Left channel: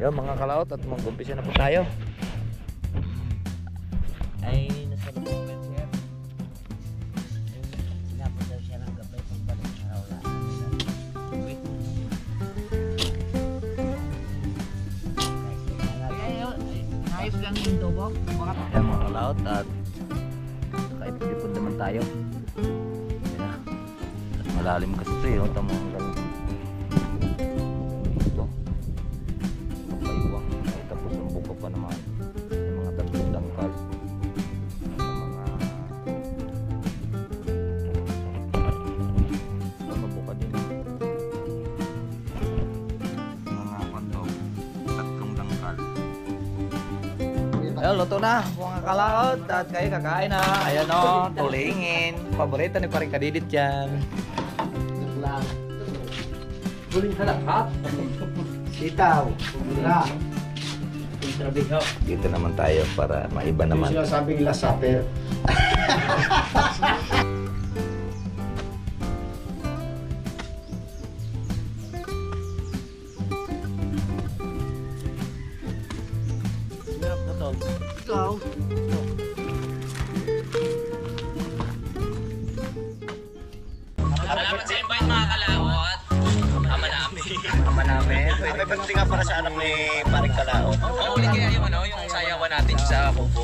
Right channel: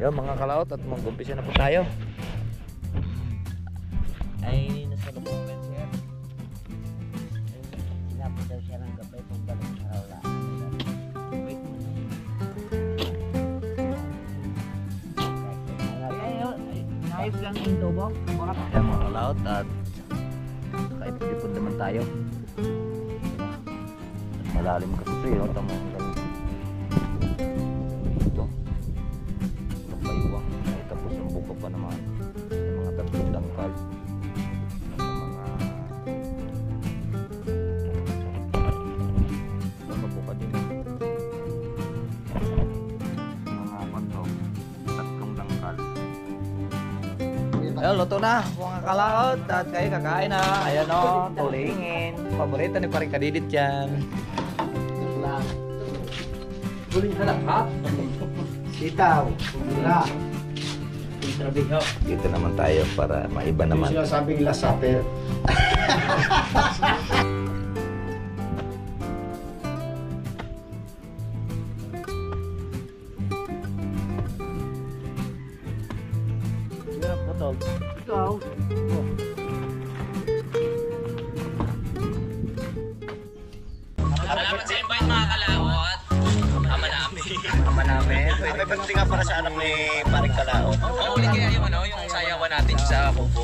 Yo mga kalaot at mag-umpisa na po tayo. Ay nasa lubong na siya. Sinapos daw siya ng gabay kung balik sa aula. Ayos lang yung tubo. Ayan mga kalaot at nakaipon naman tayo. Malalim kasi ito yun. Tama ang galing. Ito. Kapayuwang. Ay tapos ang buka pa naman. Yung mga dangkal. Mga mabuka din. Mga pandaw. Tatlong dangkal. Ayun, luto na. Mga kalaot. At kayo kakain na. Ayan o. Tulingin. Paborito ni Paring Kadidit yan. Huling halakap. Sitaw. Pumula. Intrabiho. Dito naman tayo para maiba naman. Yung sinasabing last supper. Ikaw. Salamat sa invite mga kalawat. Ama namin. Ama namin. May pagdating nga para sa anak ni Paring Kalao. Oo, ulit kaya yung sayawan natin sa Kubo.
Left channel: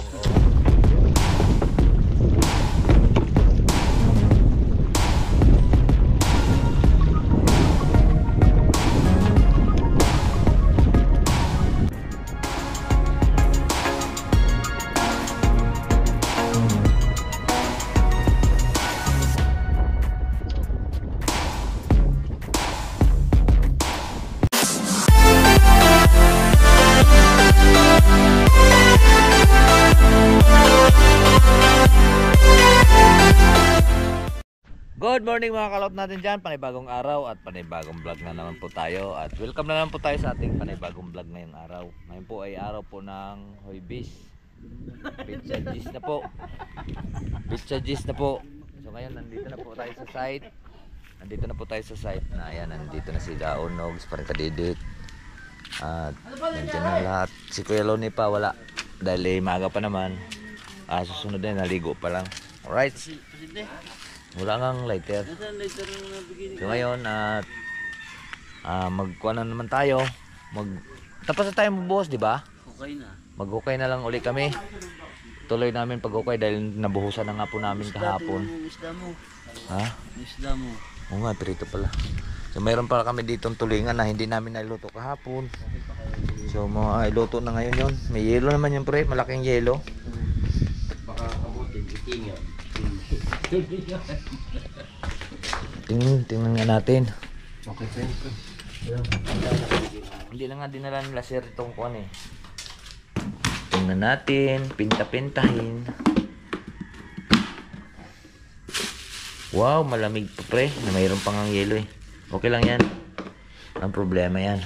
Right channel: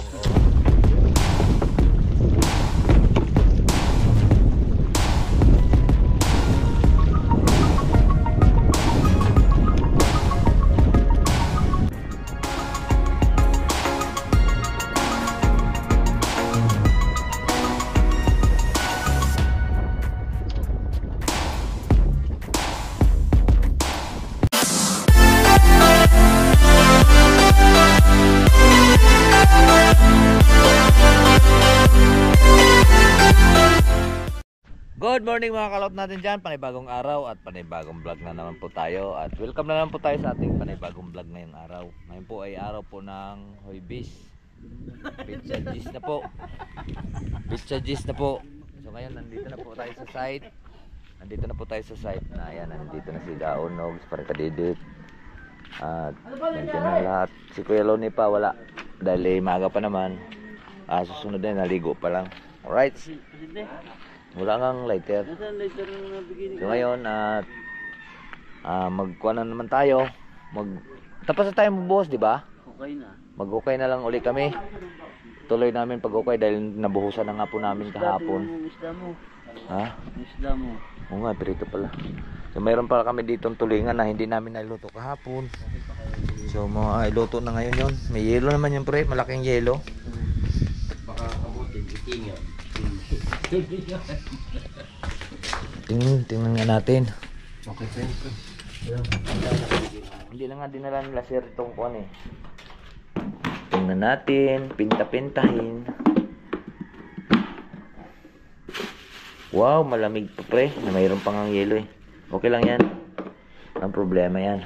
Good morning mga kalot natin dyan. Panibagong araw at panibagong vlog na naman po tayo. At welcome na naman po tayo sa ating panibagong vlog ngayong araw. Ngayon po ay araw po ng Huwebes. Pizza G's na po. Pizza G's na po. So ngayon nandito na po tayo sa site. Nandito na po tayo sa site na ayan. Nandito na si Daon, Nogs, Paring Kadidit. At nandiyan na lahat. Si Kuya Loni pa wala. Dahil maaga pa naman. Susunod na naligo pa lang. Alright. Wala ngang lighter. So ngayon at magkuha na naman tayo. Tapos na tayo magbuhos, di ba? Okay na. Mag-okay na lang uli kami. Tuloy namin pag-okay dahil nabuhusan na nga po namin kahapon. Isda mo. Ha? Isda mo. Oo nga, perito pala. So mayroon pala kami ditong tulingan na hindi namin nailuto kahapon. So iluto na ngayon yon. May yelo naman yun pre, malaking yelo. Baka abutin, itingan. Tingnan nga natin. Okay, thank you. Hindi na nga dinala nila sir itong kuwan eh. Tingnan natin, pinta-pintahin. Wow, malamig pa pre, na mayroon pang ang yelo eh. Okay lang yan. Ang problema yan.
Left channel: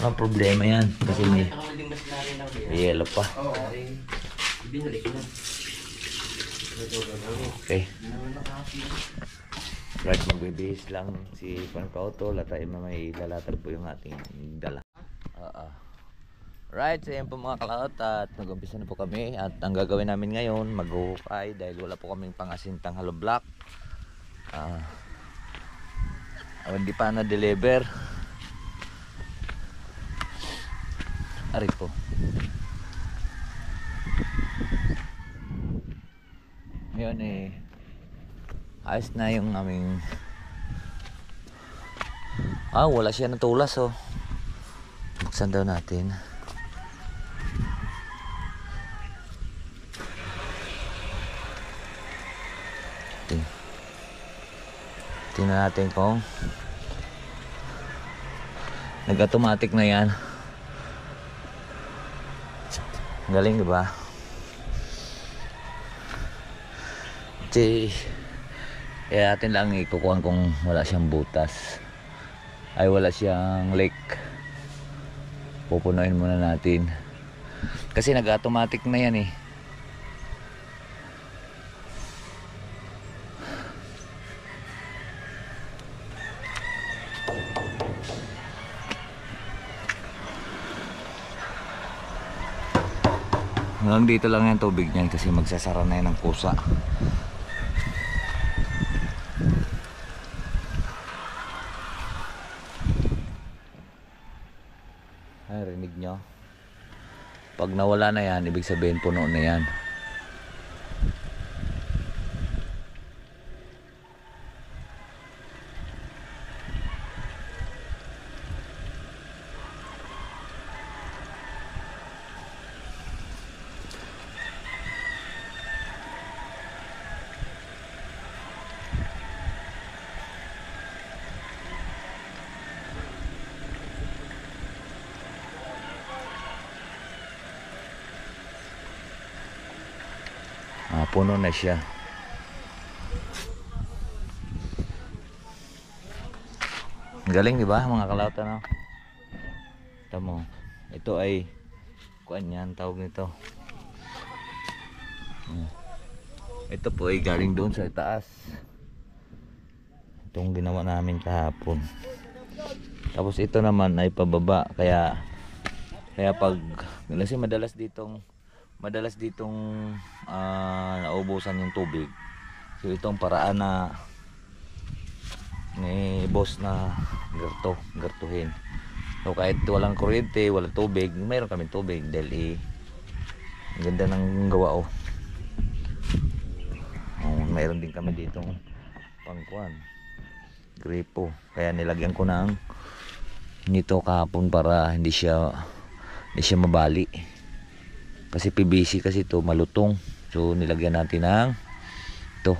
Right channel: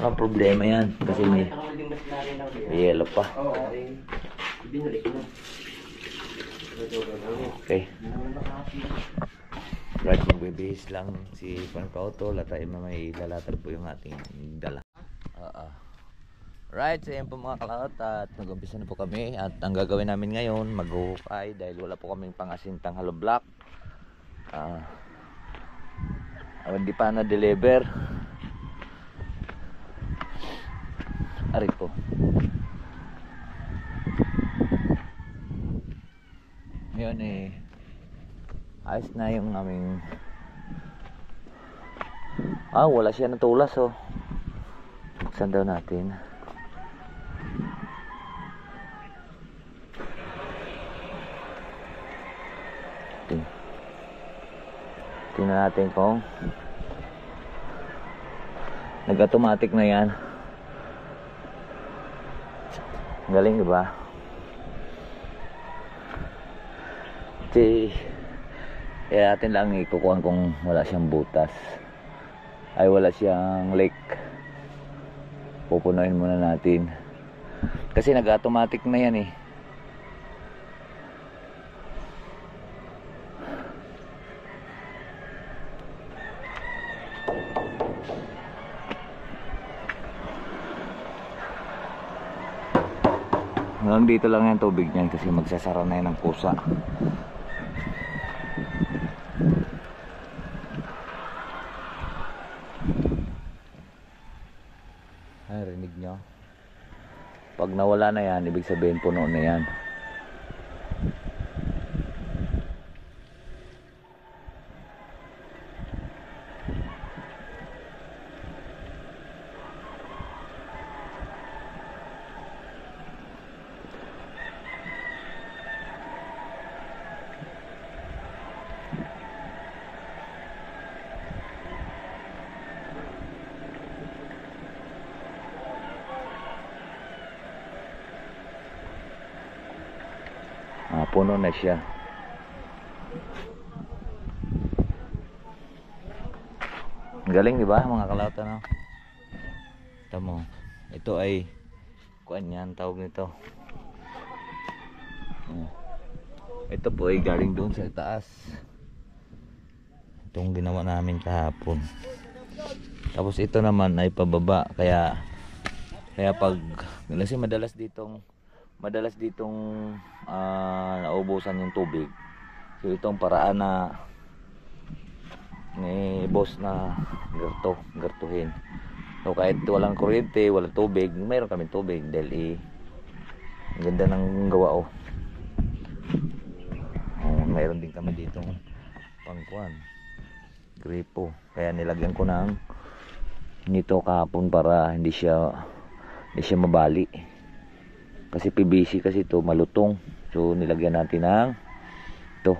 Ang problema yan kasi may yelo pa. Okay. Right, magbibihis lang si Pankauto. Latay may lalatar po yung ating dala. Right, so yan po mga kalaot. At nag-umpisa na po kami. At ang gagawin namin ngayon, mag-uhukay. Dahil wala po kaming pangasintang hollow block. Hindi pa na-deliver. Ari po. Ngayon ayos na yung aming wala siya natulas oh. Buksan daw natin. Tingnan natin kung nag-automatic na yan. Galing diba? Kaya atin lang ikukuhan kung wala siyang butas ay wala siyang leak. Pupunuin muna natin kasi nag-automatic na yan eh. Hanggang dito lang yung tubig niyan kasi magsasara na yan ng kusa. Ay, rinig nyo. Pag nawala na yan, ibig sabihin puno na yan. Puno na siya. Galing, di ba mga kalauta, no? Tamo. Ito ay kuan yan, tawag nito. Ito po ay galing doon sa taas. Itong ginawa namin kahapon. Tapos ito naman ay pababa, kaya pag kasi madalas ditong naubusan yung tubig. So itong paraan na ni boss na gartuhin. So kahit walang kuryente, walang tubig, mayroon kami tubig dahil ang ganda ng gawa. Mayroon din kami ditong pangkuan, gripo. Kaya nilagyan ko ng nito kahapon para hindi siya mabali. Kasi PVC kasi ito malutong. So nilagyan natin ng ito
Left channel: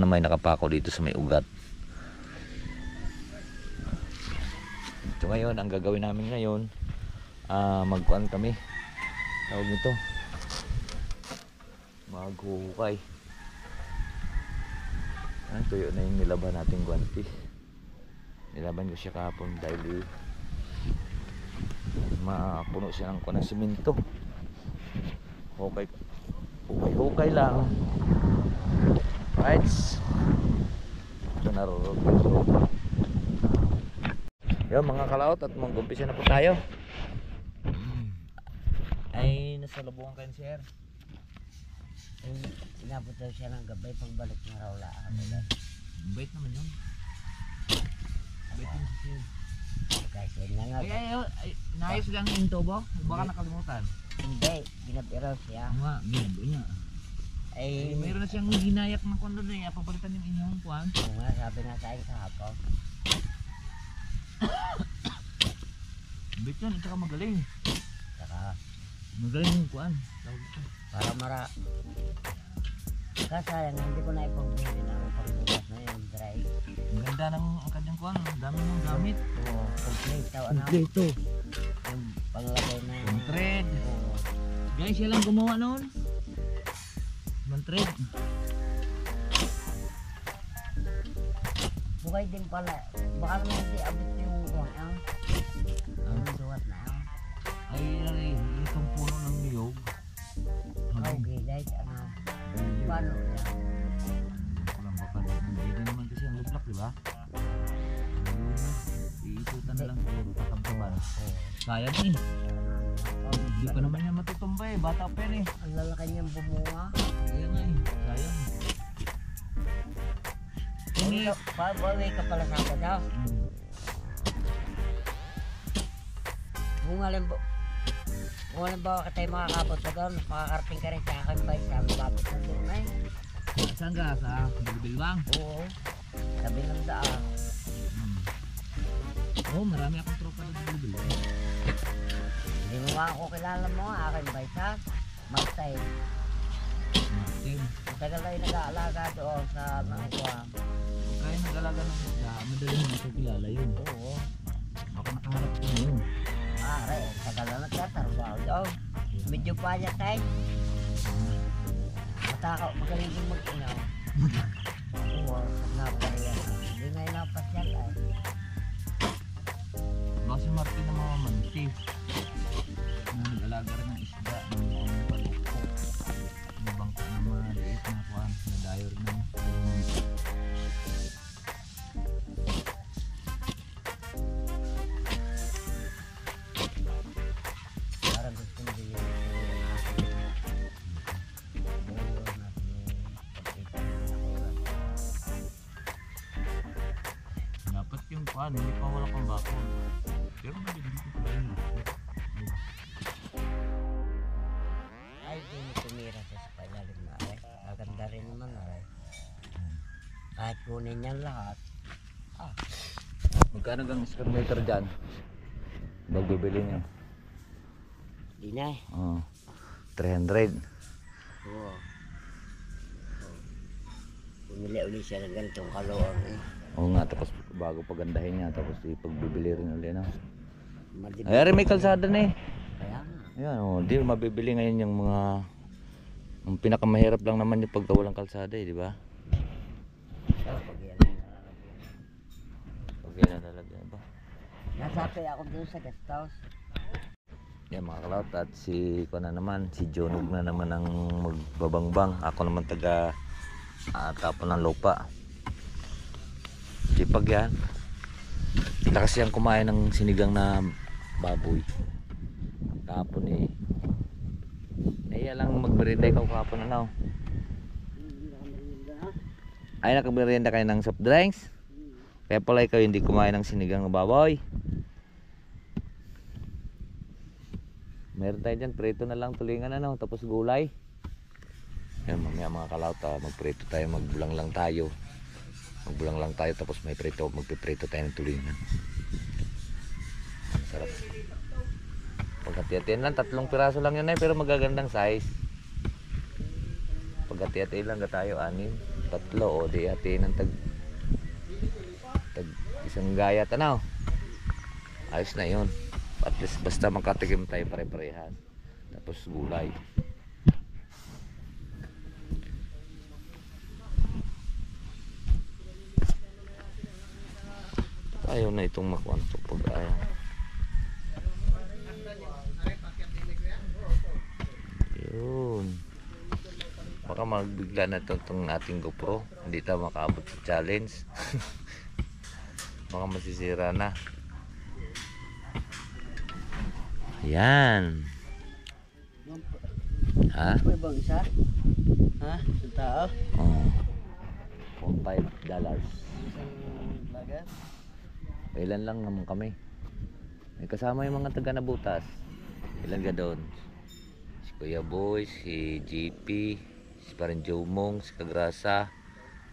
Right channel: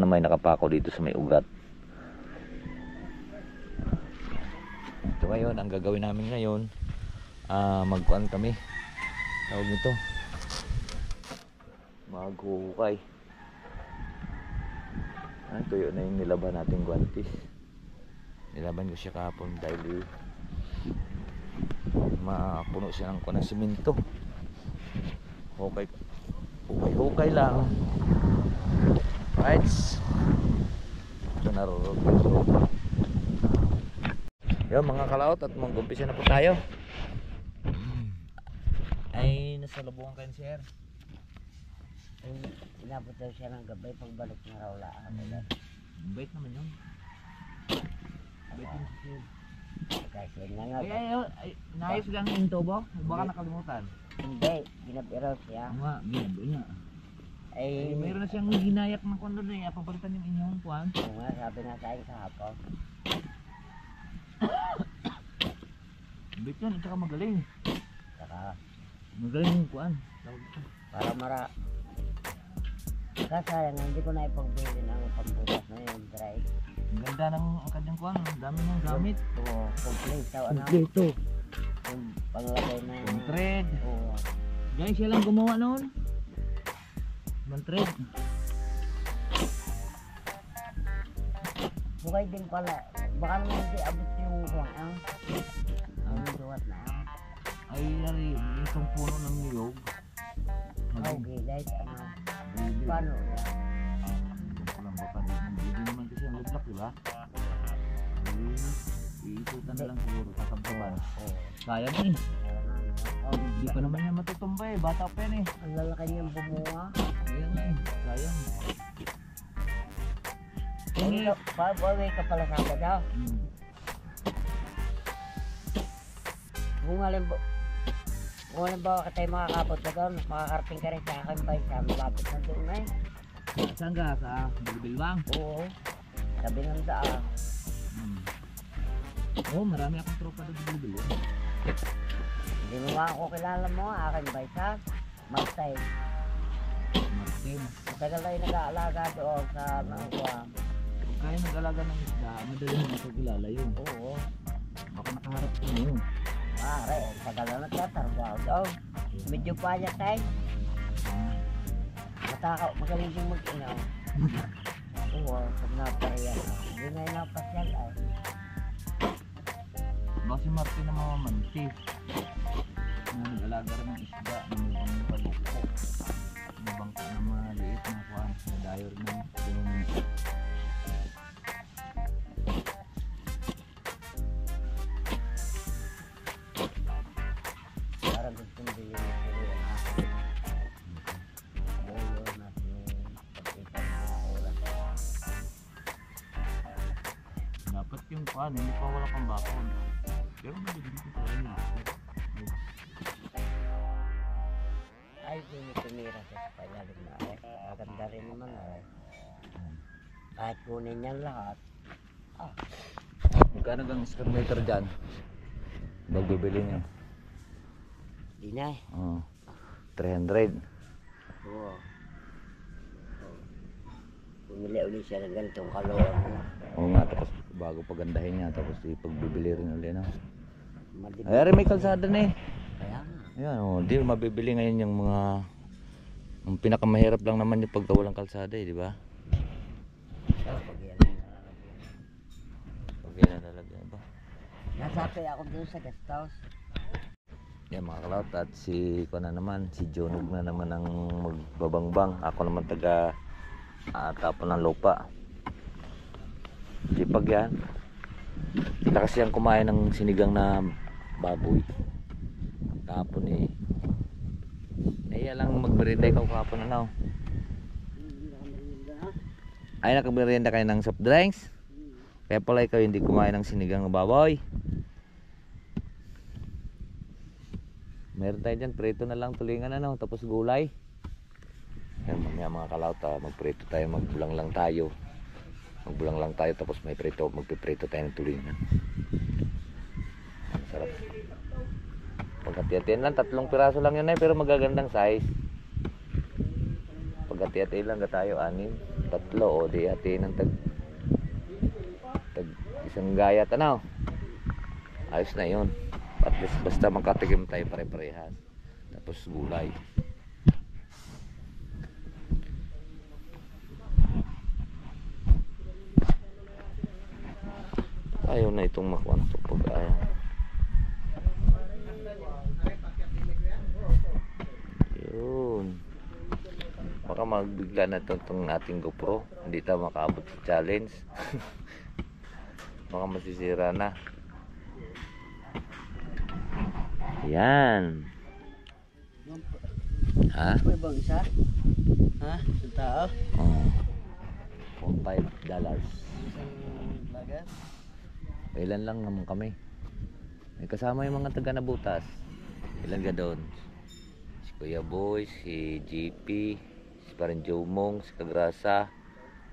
na may nakapako dito sa may ugat. So ngayon, ang gagawin namin ngayon, magkuan kami. Tawag nito, maghuhukay. Tuyo na yung nilaban natin guantes. Nilaban ko siya kahapon dahil mapuno siya ng kuan ng simento. Hukay lang. Right. Ito narurot. Yo mga kalaot, at mag-umpisa na po tayo. Ay nasa lubungan kayo, sir. Inabot daw siya ng gabay pagbalik ng Raula. Bait naman yun. Bait naman si sir. Kasi na nga. Ay, naayos lang yung tubo. Baka nakalimutan. Hindi, ginabiraw siya. Nga, ginado niya. Ay, Mayroon na siyang ginayak ng kondo na yan. Papalitan yung inyong kuwan. oo nga, sabi nga sa akin kahapon. Bait yun, at saka magaling. Saka, Magaling yung kuwan. para kasayang hindi ko na ipagbili ng pagbukas na yung dry. Ang ganda ng ang kanyang kuwan. Ang dami ng gamit. Oo, complete. Tawa na Kompleto. yung panglagay na. Mantred. Oo. Guys, siya lang gumawa noon. Mantred. Bukay din pala. Baka naman hindi abot yung ang duwat na ang. Ay, itong puno ng niyog. Okay, guys, paano? Walang baka. Hindi naman kasi ang lublak, di ba? Iisutan na lang siguro. Tatabtaban. Sayang eh. Hindi pa naman niya matutumba eh. Bata pa yan eh. Ang lalaki niyang bumunga. Ayan nga eh. Sayang. Pag-away ka pala sa ako daw. Kung halimbawa ka tayo makakabot na doon, makakarping ka rin sa akin ba sa malapit na doon na eh. Saan ka? Sa Bilbilbang? Oo. Sabi ng daan. Oo, marami akong tropa doon sa Bilbilbang. Hindi mo nga ako kilala mo, akin ba sa Magtay. Martin. Tagal tayo nag-aalaga doon sa mga kuha. Kaya nag-alaga ng isda, madali mo ito kilala yun. Oo. Ako nakaharap ko ngayon. Are, tagal na nagtatrabaho daw. Medyo pa niya tayo. Magaling din mag-inaw. Oo, napariyan. Hindi nga yung napasyal ay. Baka si Martin na mga manti. Nag-alaga rin ng isda, ng mga paluko. Ng bangka ng mga liit na kuhan, na dayor ng Parang gusto mo din yung Paano? Hindi pa wala pang bako. Pero nabibili ko pa rin. Ay, hindi tumira sa Espanyol na eh. Maganda rin naman eh. Kahit kunin niyan lahat. Magkano gang square meter dyan? Magbibili nyo? Di na eh. 300. Oo. Pumili ulit siya ng ganitong kaluan. Oo nga, tapos bago pagandahin niya, tapos ipagbibili rin ulit na. Madiba. Ay, may kalsada na eh. Kaya nga. Ayan, di mabibili ngayon yung mga ang pinakamahirap lang naman yung pagka walang kalsada eh, di ba? Pag yan ang nalalagyan. Pag yan ang lalagyan ba? Nasapay ako dun sa guest house. Yan mga kalawt, at si ko na naman, si Jonog na naman ang magbabangbang. Ako naman taga tapon ng lupa. Di pag yan. Kita kasi ang kumain ng sinigang na baboy. Tapon eh. Naiya lang magmerienda ikaw kahapon ano. Ay nakagmerienda kayo ng soft drinks. Kaya pala ikaw hindi kumain ng sinigang na baboy. Meron tayo dyan, prito na lang tulingan ano, tapos gulay. Yan mamaya mga kalawt, magprito tayo, magbulang lang tayo. Magbulang lang tayo tapos may prito, magpiprito tayo ng tulingan. Ang sarap. Pagkati-hatiin lang, 3 piraso lang yun eh, pero magagandang size. Pagkati-hatiin lang tayo, 6, 3 o di hatiin ng tag isang gayat ano. Ayos na yun. At least basta magkatikim tayo pare-parehas. Tapos gulay. Ayaw na itong makuha na ito pag ayaw. Yun. Baka magbigla na itong ating GoPro. Hindi tayo makaabot sa challenge. Baka masisira na. Yan. Ha? May bang isa? Ha? Sa tao? $5. Isang bagat? Ilan lang naman kami. May kasama yung mga taga Nabutas. Ilan ka doon? Si Kuya Boy, si GP, si Parin Jomong, si Kagrasa,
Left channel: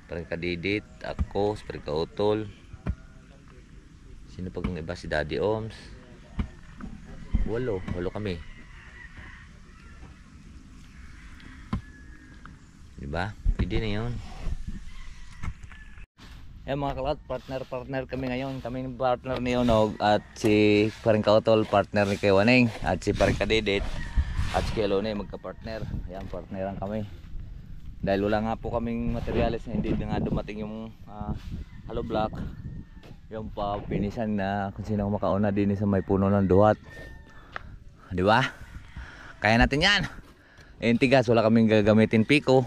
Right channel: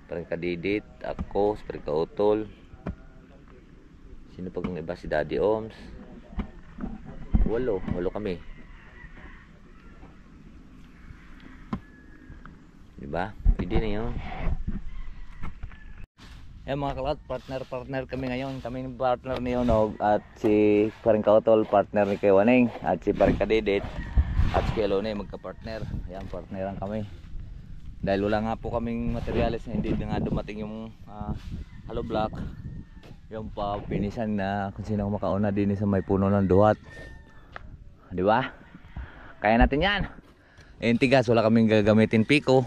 Parin Kadidit, ako, si Parin Kautol. Sino pag iba? Si Daddy Oms. 8 kami. Diba? Pwede na yun. Eh mga kalawt, partner kami ngayon. Kami yung partner ni Onog at si Paring Kautol, partner ni Kay Waning, at si Paring Kadidit at si Kay Lone, magka-partner. Ayan, partneran kami. Dahil wala nga po kaming materials na hindi nga dumating yung hollow block. Yung pa pinisan na kung sino makauna din sa may puno ng duhat. Di ba? Kaya natin yan. Eh, tigas, wala kaming gagamitin piko.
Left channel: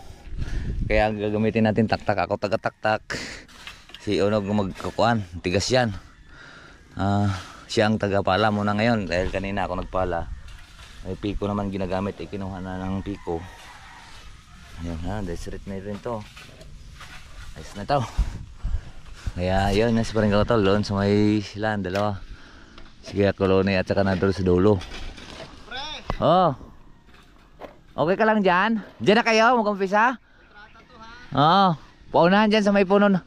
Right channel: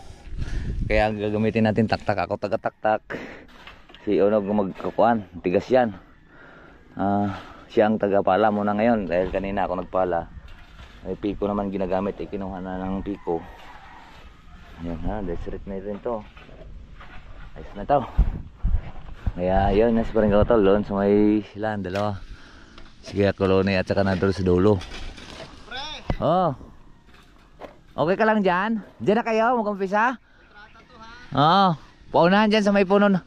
Kaya ang gagamitin natin taktak. Ako taga-taktak. Si Onog magkukuan, tigas yan. Siya ang tagapala muna ngayon dahil kanina ako nagpala. May piko naman ginagamit, kinuha na ng piko. Ayan ha, deseret na rin to. Ayos na to. Kaya yun, nasa Paring Kautol doon sa may silan, dalawa. Sige, Kolone at saka nandun sa dulo. Oh. Okay ka lang dyan? Dyan na kayo, mag-umpisa? Oo. Paunahan dyan sa may puno na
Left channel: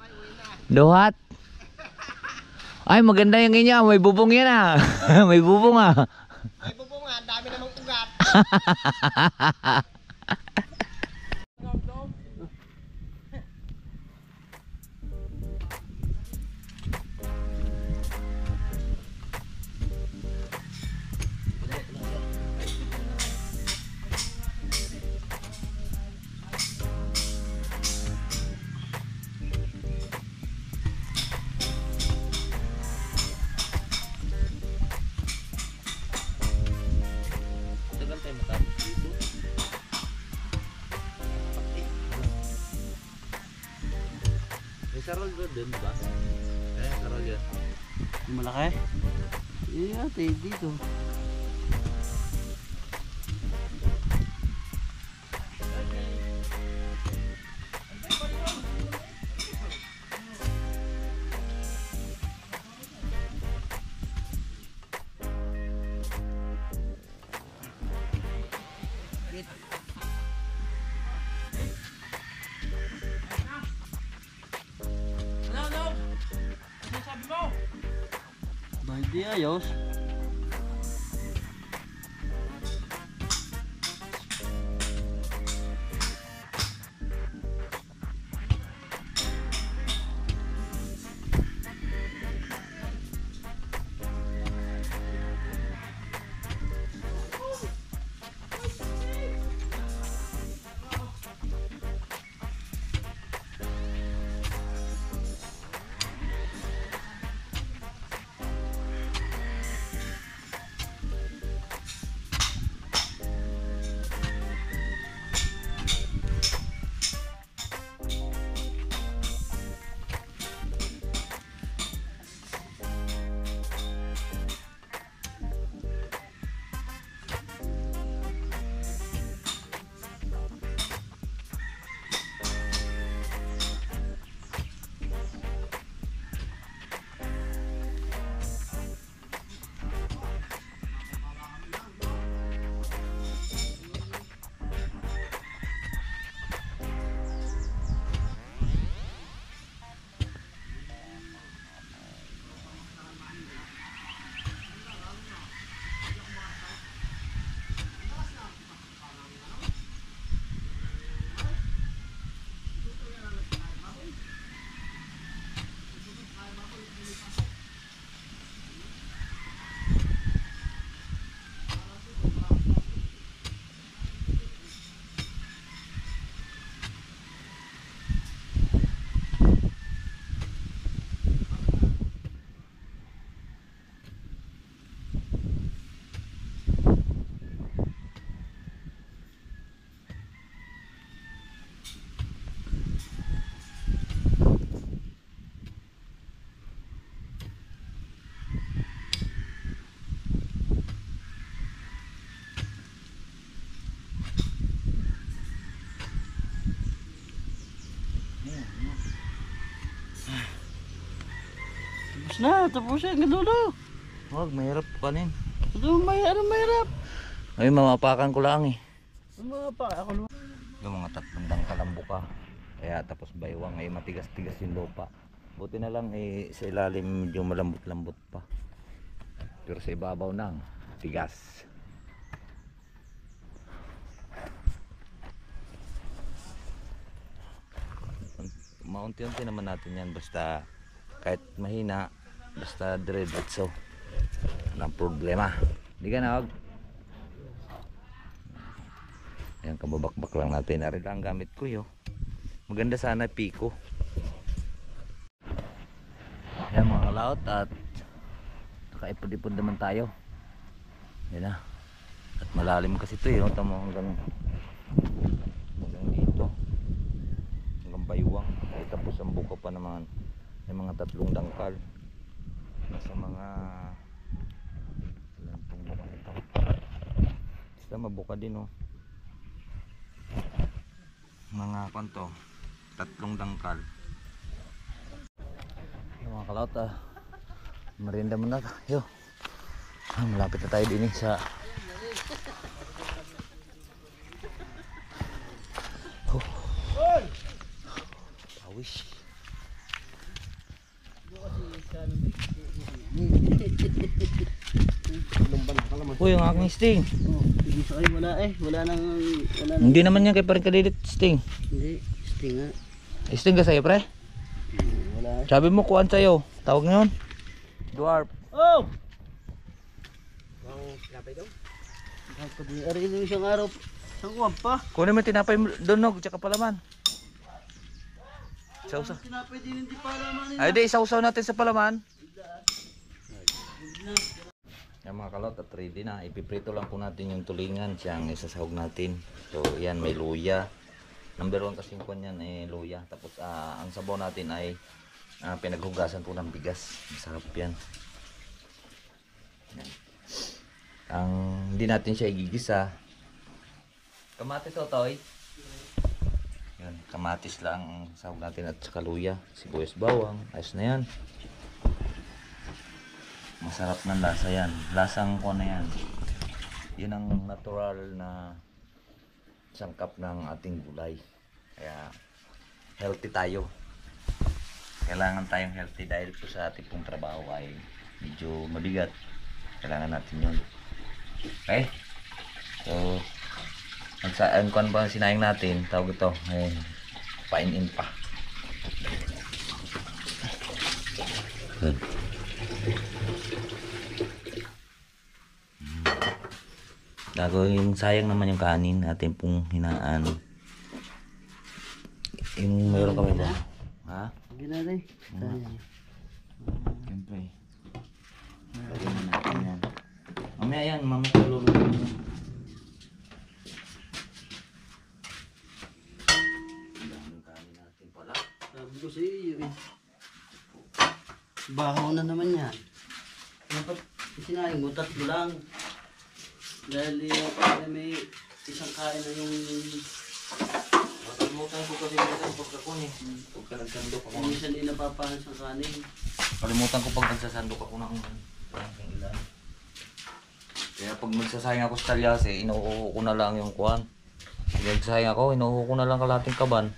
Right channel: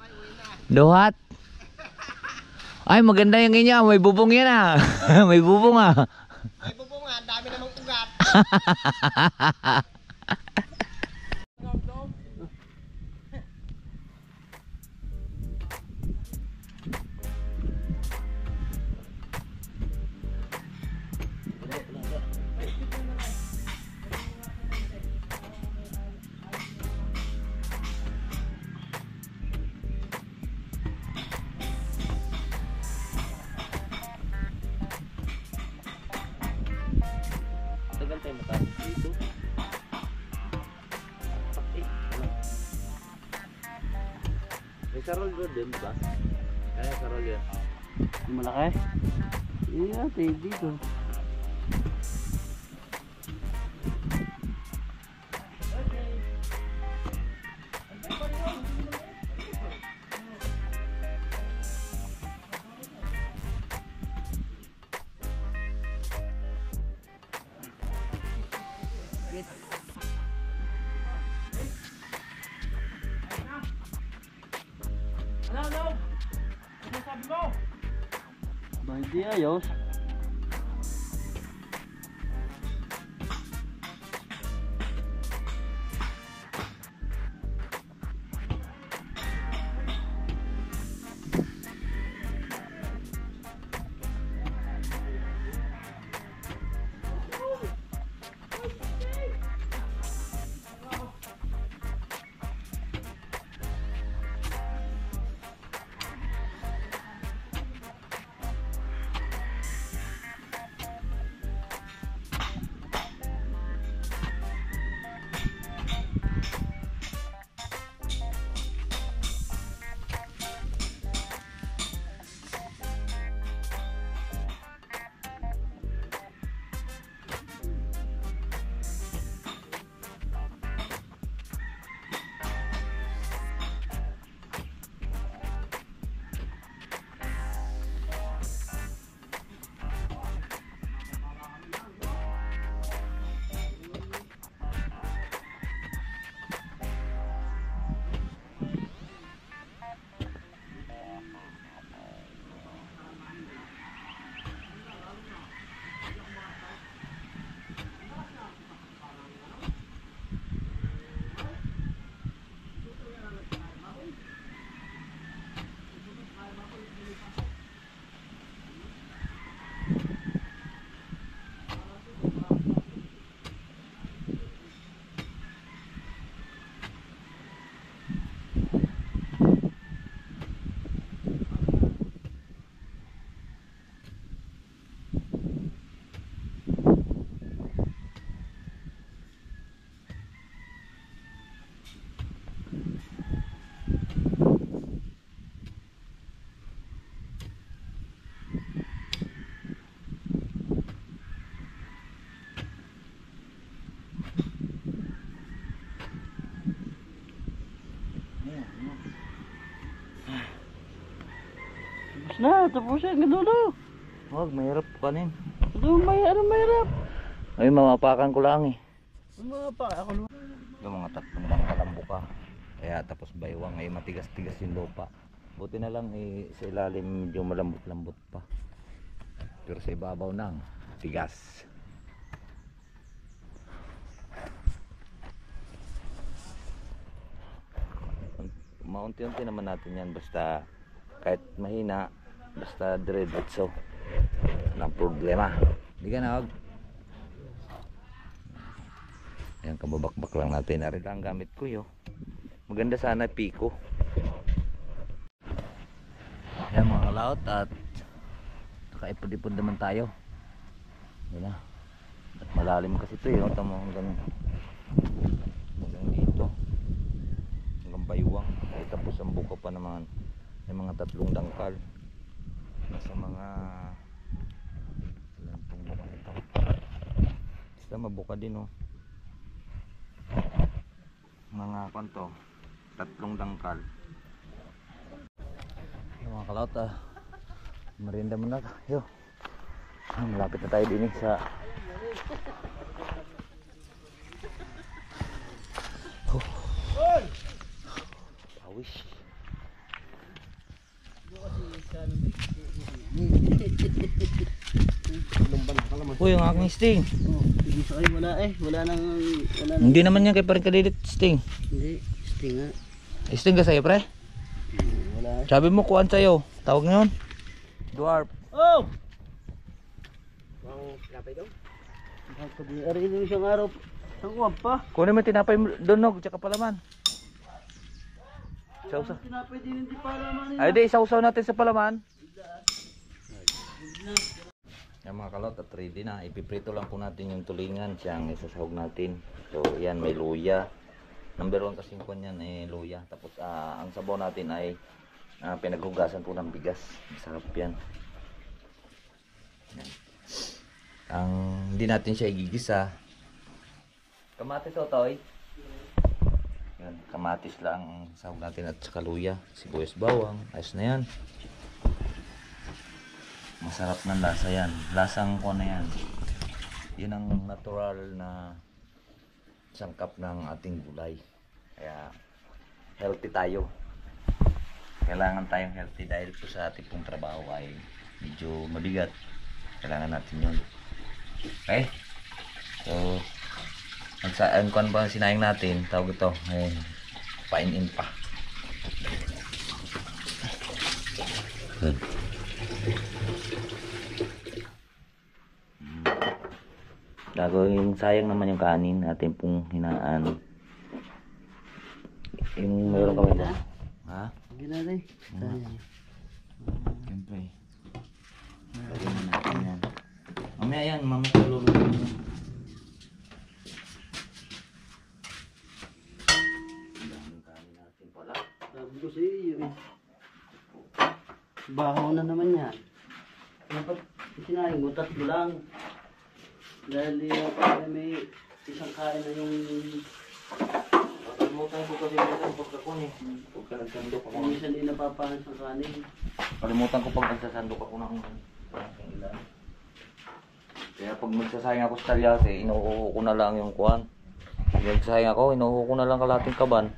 duhat. Ay, maganda yung inyo. May bubong yan ah. May bubong ah. May bubong nga, dami namang ugat. May sarol doon, di ba? Eh, sarol yan. Malaki? Iya, dito. Di ayos. Tapos na, gadulo. Wag, mahirap kanin. Mahirap. Ay, mamapakan ko lang eh. Mga pa, ako naman. Yung mga tatlong kalambo ka. Kaya tapos baywang ay matigas-tigas yung lupa. Buti na lang eh, sa ilalim medyo malambot-lambot pa. Pero sa ibabaw nang tigas. Maunti-unti naman natin yan, basta kahit mahina, basta diretso, walang problema. Hindi ka na, wag. Ayan, kababakbak lang natin. Ari lang gamit ko yo. Maganda sana piko. Ayan mga kalaot, at nakaipod-ipod naman tayo. Yan na. At malalim kasi ito yun. Tama hanggang dito. Hanggang baywang. Ay, tapos ang buka pa naman. May mga tatlong dangkal. Nasa mga ilan pong buka ito. Basta mabuka din oh. Mga kanto, tatlong dangkal. Mga kalaot, merienda muna tayo. Malapit na tayo din sa pawis. Uy, yung aking sting. Wala nang Hindi naman yan kay parang kalilit sting. hindi sting nga. Sting ka sa'yo pre? Wala. Sabi mo kuhaan sa'yo. Tawag ngayon dwarf. Oh! Ang kapay daw. Ako di ari din siyang araw. Sangwam pa. Kunin mo yung tinapay mo donog tsaka palaman. Sausaw. Tinapay din hindi pa laman. Ay di, sausaw natin sa palaman. Yan mga kalot, at ready na. Ipiprito lang po natin yung tulingan. Siyang isasahog natin. So yan, may luya. Number 1 kasing kwan yan ay luya. Tapos ang sabaw natin ay pinaghugasan po ng bigas. Masarap yan. Yan. Ang hindi natin siya igigisa. Kamatis o toy? Yan, kamatis lang ang sahog natin at saka luya. Sibuyas bawang. Ayos na yan. Masarap ng lasa yan. Lasang ko na yan. Yun ang natural na sangkap ng ating gulay. Kaya healthy tayo. Kailangan tayong healthy dahil po sa ating pong trabaho ay medyo mabigat. Kailangan natin yun. Okay? So, ang kuan pa sinayang natin, tawag ito, pain-in pa. Good. Gagawin sayang naman yung kanin natin pong hinaan. Yung meron kami ba? Ha? Hindi na rin. Siyempre. Lagyan na natin yan. Mamaya yan, mamaya kalulog mo. Ang daming kanin natin pala. Sabi ko sa iyo eh. Bahaw na naman yan. Dapat sinaling mo, tatlo lang. Dahil yung may isang kain na yung... Kalimutan ko kasi minsan pagkakon eh. Pagka nagsandok ako. Minsan din napapahan sa kanin. Kalimutan ko pag nagsasandok ako ng ilan. Kaya pag magsasayang ako sa talyase, inuuho ko na lang yung kuwan. Pag nagsasayang ako, inuuho ko na lang kalating kaban.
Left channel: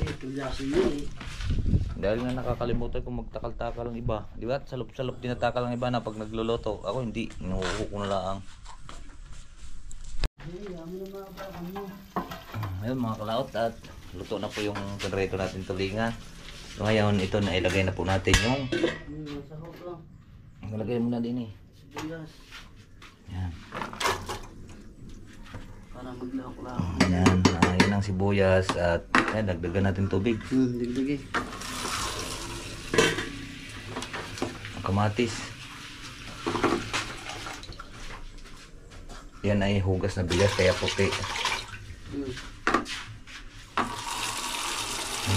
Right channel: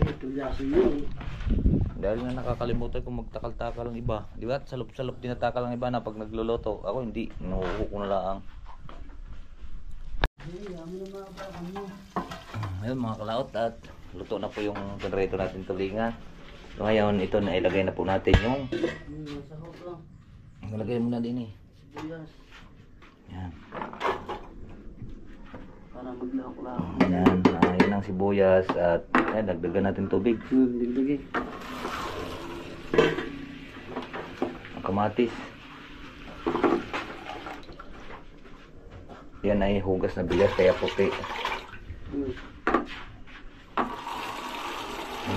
Eh, tulyasi yun eh. Dahil nga nakakalimutan ko magtakal-takal ang iba. Di ba? Salop-salop tinatakal ang iba na pag nagluluto. Ako hindi, inuuho ko na lang. Eh, kami na mga bakang mo. Ayun mga kalaot, at luto na po yung generator natin tulingan. So ngayon ito na ilagay na po natin yung Masarap lang. ilagay muna din eh. Sibuyas. Yan. Para maglahok lang. Yan, yun ang sibuyas at dagdagan natin tubig. Digdig eh. Ang kamatis. Yan ay hugas na bigas kaya puti.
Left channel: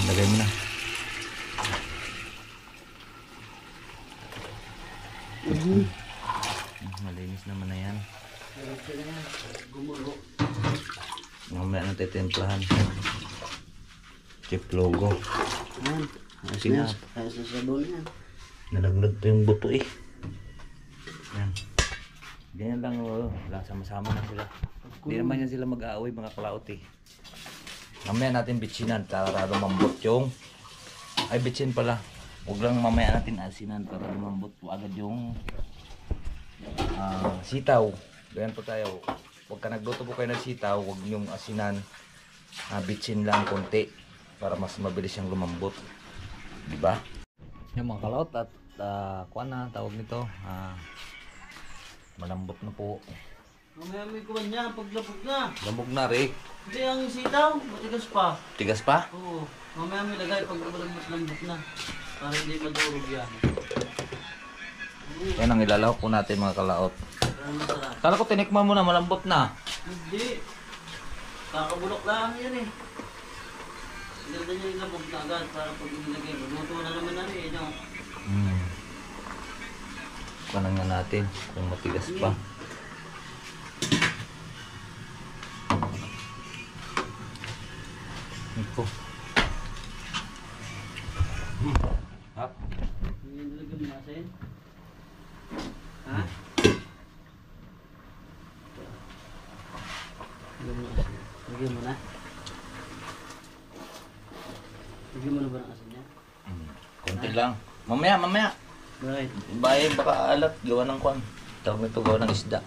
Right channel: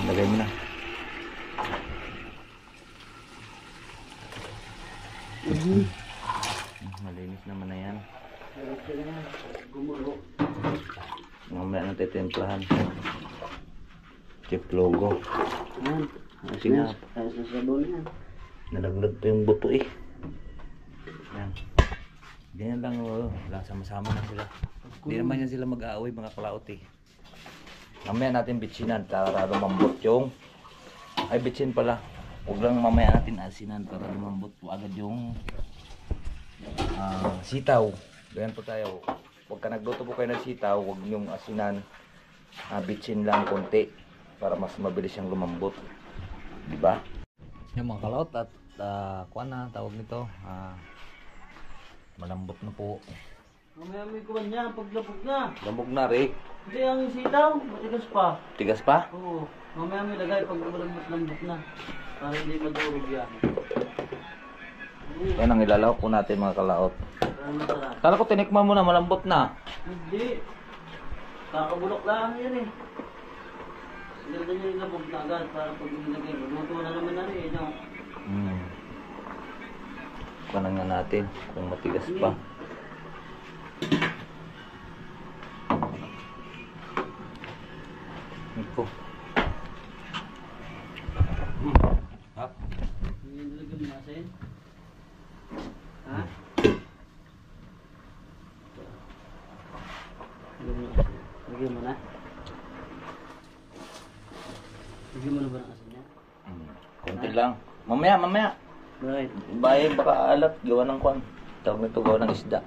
Lagay mo na. Malinis naman na yan. Gumulo. Mamaya natin timplahan. Chip logo. Ayan. Sinap. Ayos na sabon yan. Nalaglag pa yung buto eh. Yan. Ganyan lang, sama-sama na sila. Hindi naman yan sila mag-aaway mga kalaot eh. Mamaya natin bitsinan para lumambot yung... Ay, bitsin pala. Huwag lang mamaya natin asinan para lumambot po agad yung sitaw. Ganyan po tayo. Huwag ka nagluto po kayo ng sitaw, huwag yung asinan. Bitsin lang konti para mas mabilis yung lumambot. Diba? Yung mga kalaot at kuha na, tawag nito. Malambot na po. Mamaya may kuwan niya, paglabog na. Lambog na, Rick. Hindi, ang sitaw, matigas pa. Tigas pa? Oo. Mamaya may lagay pag malambot na. Para hindi madurog yan. Yan ang ilalawak po natin mga kalaot. Para masarap. Kala ko tinikman mo na, malambot na. Hindi. Kakabulok lang yan eh. Ganda niya yung labog na agad para pag nilagay. Magluto na naman na rin, no? Kunan nga natin kung matigas pa. Ito. Hap. Yung nilagay mo natin. Ha? Lagay mo na. Lagay mo na ba ng asin niya? Konti lang. Mamaya. Right. Bahay baka alat, gawa ng kwan. Tawag nito, gawa ng isda.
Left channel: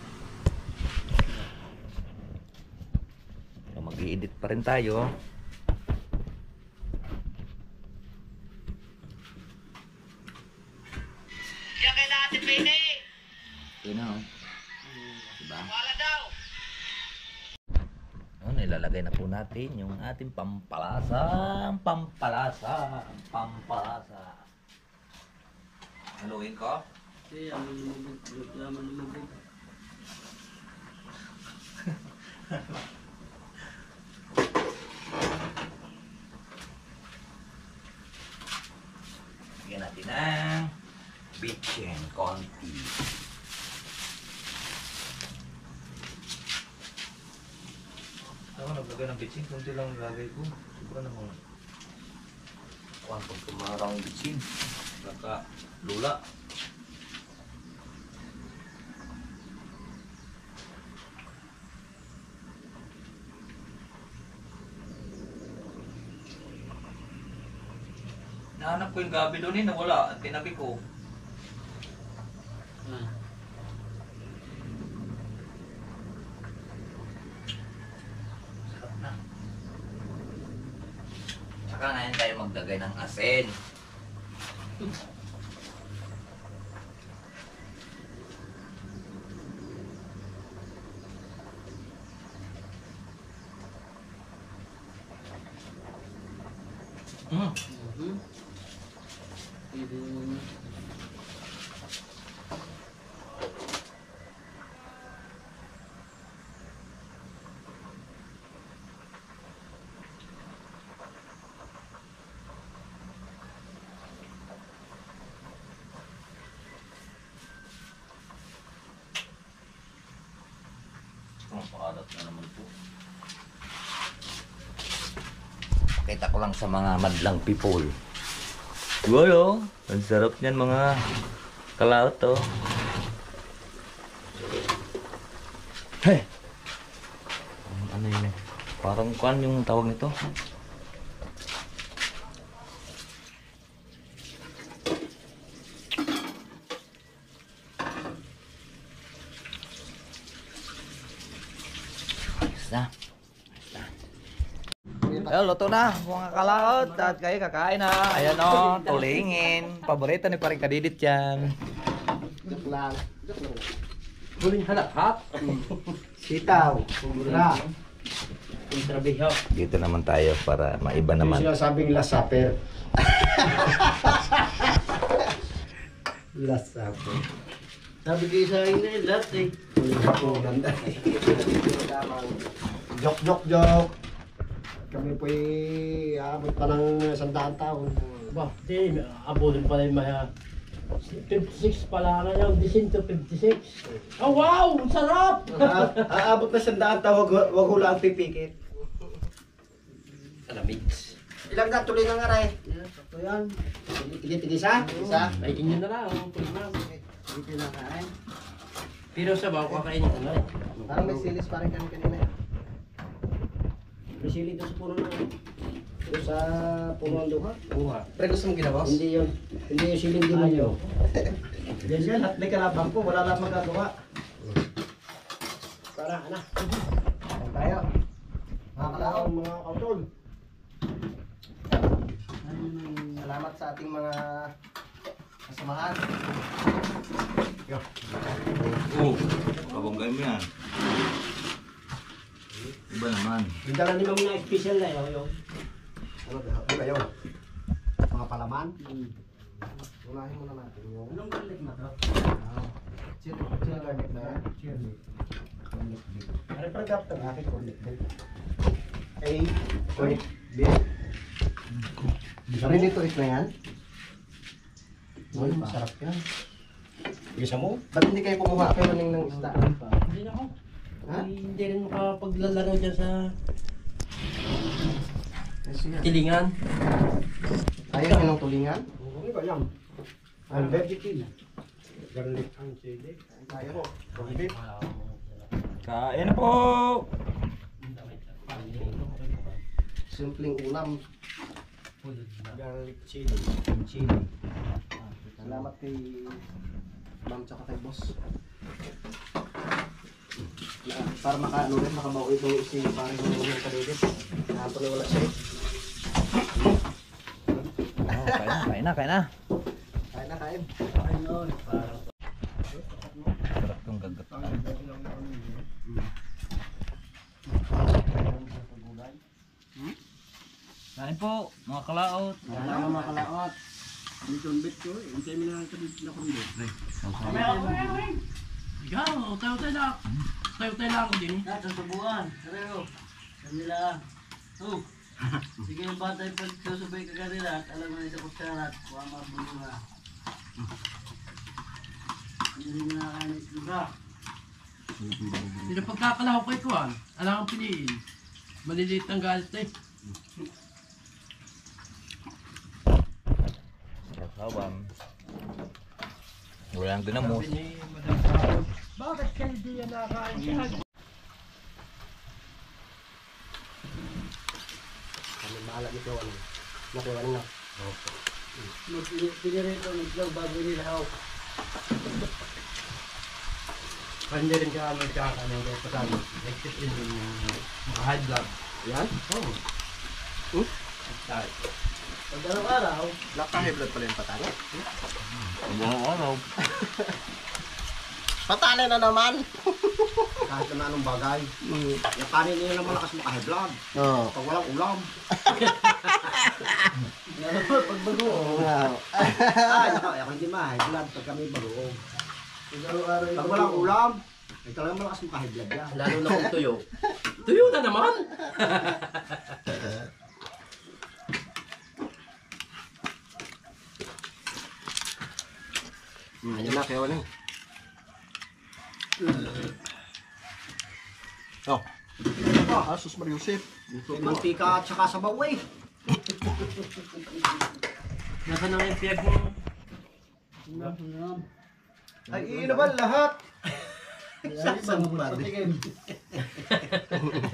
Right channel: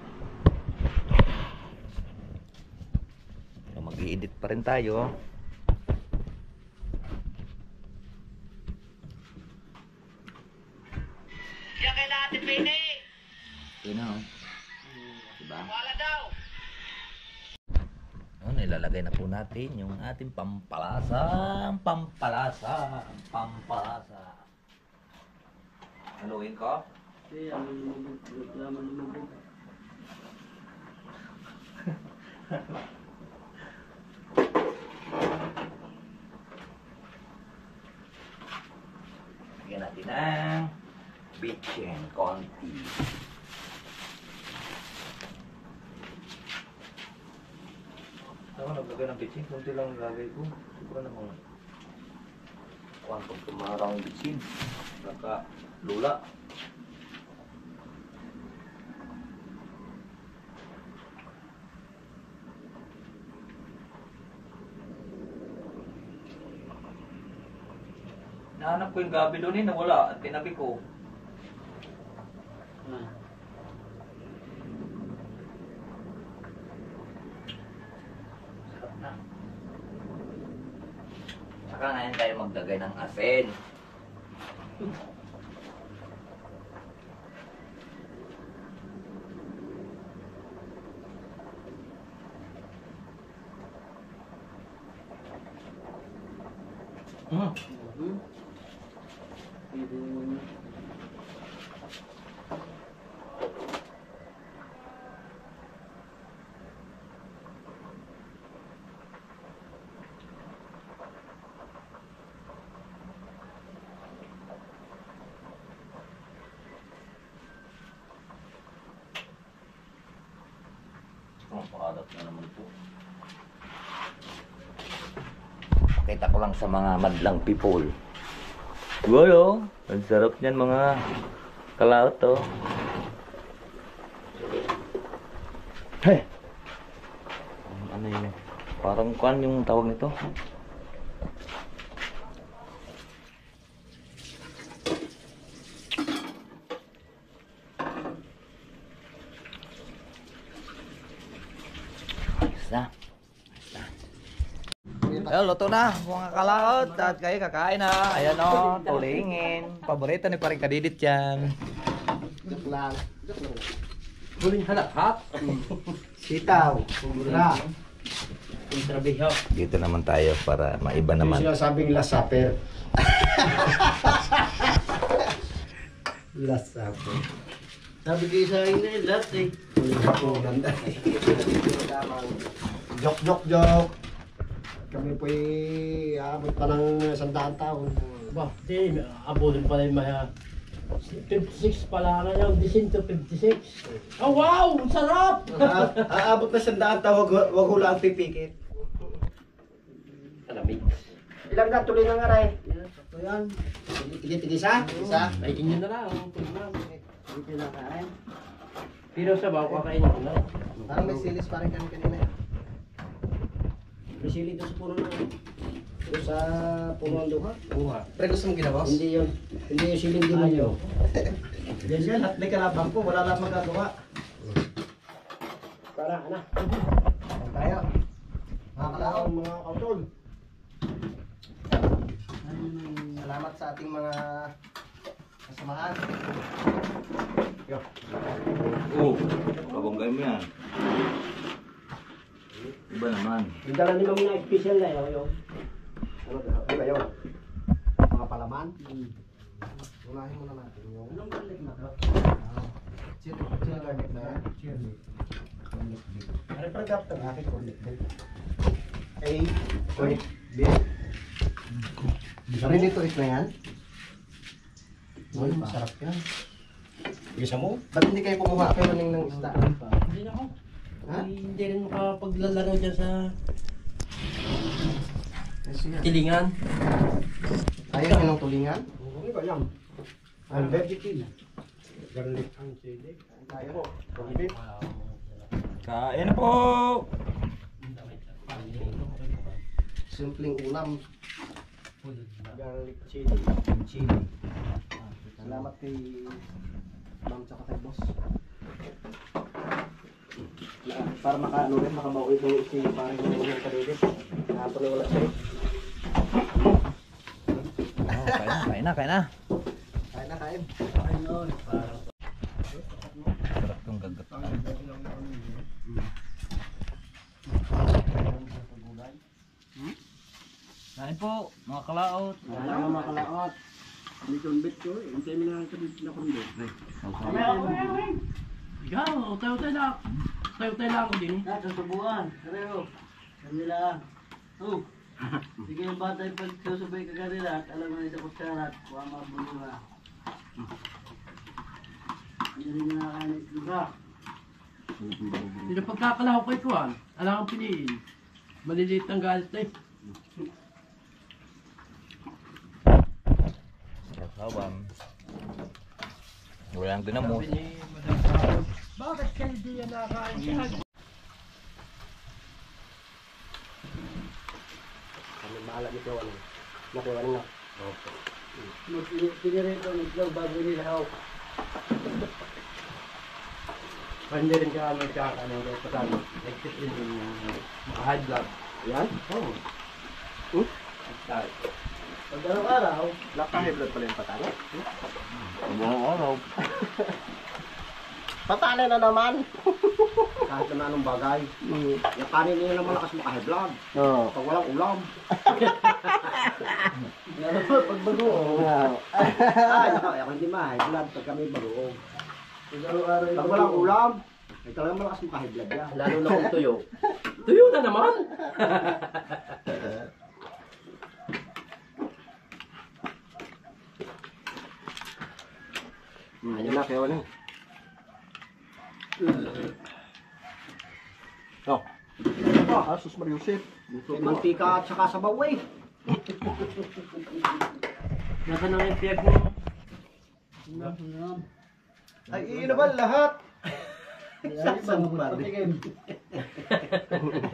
So, mag-i-edit pa rin tayo. Diyan kay Ate Pene. Yun na, oh. Diba? Wala daw. Yun, ilalagay na po natin yung ating pampalasa. Haluin ko. Kasi ang lumubog. Laman lumubog. Bigyan natin ng bitchin konti. Ako naglagay ng bitchin, konti lang nilagay ko. Siguro naman. Kuhan pag kumarang bitchin. Baka lula. Nahanap ko yung gabi doon eh, nawala. At tinabi ko. Tara ngayon tayo maglagay ng asin. Ang paalat na naman po. Pakita ko lang sa mga madlang people. Wow, ang sarap niyan mga kalaot to. Hey! Ano yun eh? Parang kuan yung tawag nito. Na. Ayun, luto na mga kalaot at kayo kakain na. Ayan o, tulingin. Paborito ni paring kadidit yan. Joke lang. Huling halakhat. Sitaw. Kumbura. Intrabiho. Dito naman tayo para maiba Yung naman. sinasabing lasaper. Lasaper. Sabi kayo sa akin na lahat eh. Ganda. Joke, joke, joke. Kami po'y aabot pa ng 100 taon. Ba, di, abulin pala yung mga 56 pala ngayon, 156. Oh wow, ang sarap! Aabot na 100 taon, wag hula ang pipikit. Alamig. Ilang ka tuloy ng aray? Ito yan. Tigit-tigisa? Isa? Ay, inyo na lang. Dito na kain. Pero sa bago kakainin ko na. Parang may silis parang kanina. May sili doon sa puno na. Doon sa puno ang duha. Buha. Pre, gusto mong ginawas? Hindi yun. Hindi yung siling demonyo. Yan yan, at may kalabang ko. Wala lang magagawa. Para, ana. Ayan tayo. Mga kalaong, mga kautol. Salamat sa ating mga kasamahan. Yo. Oo, kabanggay mo yan. Iba naman. Yung dala ni Mami na special na yun. Ano ba yun? Mga palaman? Unahin muna natin yung... Anong garlic na to? Chili garlic na yan? Chili. Garlic beef. Ano pa nagkap ng aking garlic beef? Garlic beef. Ready to eat na yan? Masarap yan. Isa mo? Ba't hindi kayo kumuha kayo ng isda? Hindi na ako. Ha? Hindi rin makapaglalaro dyan sa tilingan. Ayaw nyo ng tulingan? Ano ba yan? Ang vegetin. Garlic ang chili. Tayo po. Garlic. Kain po! Simpleng ulam. Garlic chili. Chili. Salamat kay ma'am tsaka kay boss. Para makaano rin, makabawi ito si parang yung kadidit. Nakapalo wala siya. Oh, kain na, kain na. Kain na, kain. Sarap yung gagat. Kain po, mga kalaot. Kain na mga kalaot. Hindi kumbit ko eh. Hintay mo na ang kadidit na kumbit. Ikaw, tayo-tayo lang. Tayo-tayo lang ako din. Sa subuan, sareo. Kanila. Oh. Sige yung bata yung pagsusubay ka kanila at alam mo na sa kutsarat, kuha mabulunga. Hindi rin nakakain ito ba? Hindi pagkakalaho kay Kuan, alam kang piliin. Maliliit ang galit eh. Sasawan. Walang dinamos. Sabi ni Madam Sahod, bakit kayo di yan nakakain siya? Kami maalat nito ano. Nakuha na. Pinirito ng itlog bago nilahaw. Hindi rin ka magkakain ng kasama. Exit in yung mga high blood. Yan? Oo. Pag araw-araw, Naka-high blood pala yung patalo. Buong araw. Patalo na naman. Kahit na anong bagay. Yung kanin nila naman lakas maka-high blood. Oo. Pag walang ulam. pag bagoong. Ay, ako hindi ma-high blood pag kami bagoong. Pag walang ulam, ay talagang malakas maka-high blood yan. Lalo na kung tuyo. Tuyo na naman! Ayun na, kaya wala. Oh. Asus Mariusip. May mantika at saka sabaw eh. Nasa na yung piyag mo. Ay, iinaman lahat. Sasampalin.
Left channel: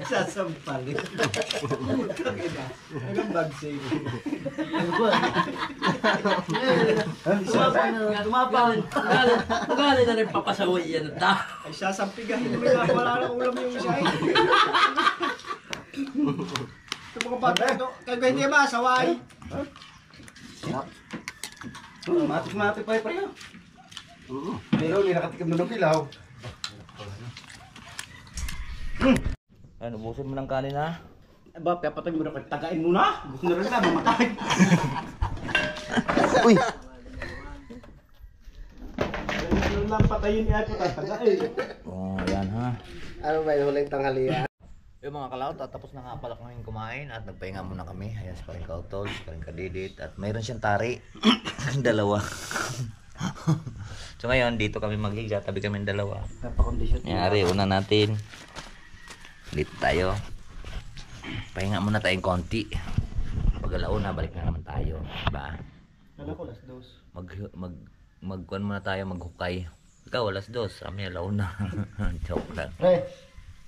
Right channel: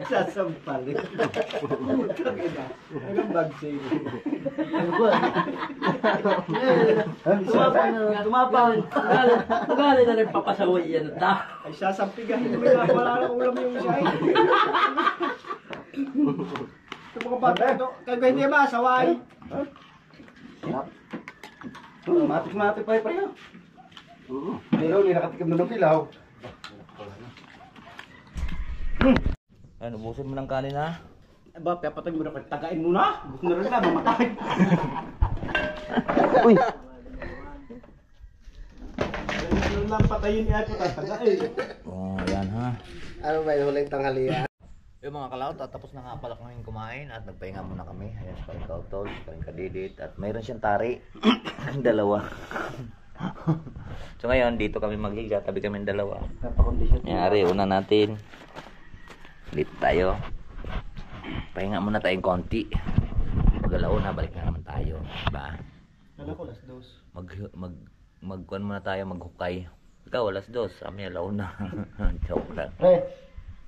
Sasampalin. Anong bag sale? Tumapang. Magaling na rin papasaway yan at ta. Ay, sasampigahin naman yan. Wala na ulam yung isa eh. Ito mga bata ito. Kaya hindi masaway. Matik-matik pa yung pareho. Pero hindi nakatikim na ng pilaw. Ano, ubusin mo ng kanin ha? Ba, papatay mo na kayo. Tagain mo na. Gusto na rin na, mamatay. Uy! Ano lang patayin niya ito, tatagain. Oh, yan ha. Ano ba yung huling tanghalian? Yung mga kalaot, tapos na nga pala kaming kumain at nagpahinga muna kami. Ayan, sa paring kautol, sa paring kadidit. At mayroon siyang tari. Dalawa. So ngayon, dito kami maghiga. Tabi kami dalawa. Napakondisyon. Nangyari, una natin. Dito tayo. Pahinga muna tayong konti. Pag-alauna, balik na naman tayo. Diba? Ano ko, last dose. Magkuhan muna tayo, maghukay. Ikaw, alas 2. Kami, alauna. Joke lang. Pre,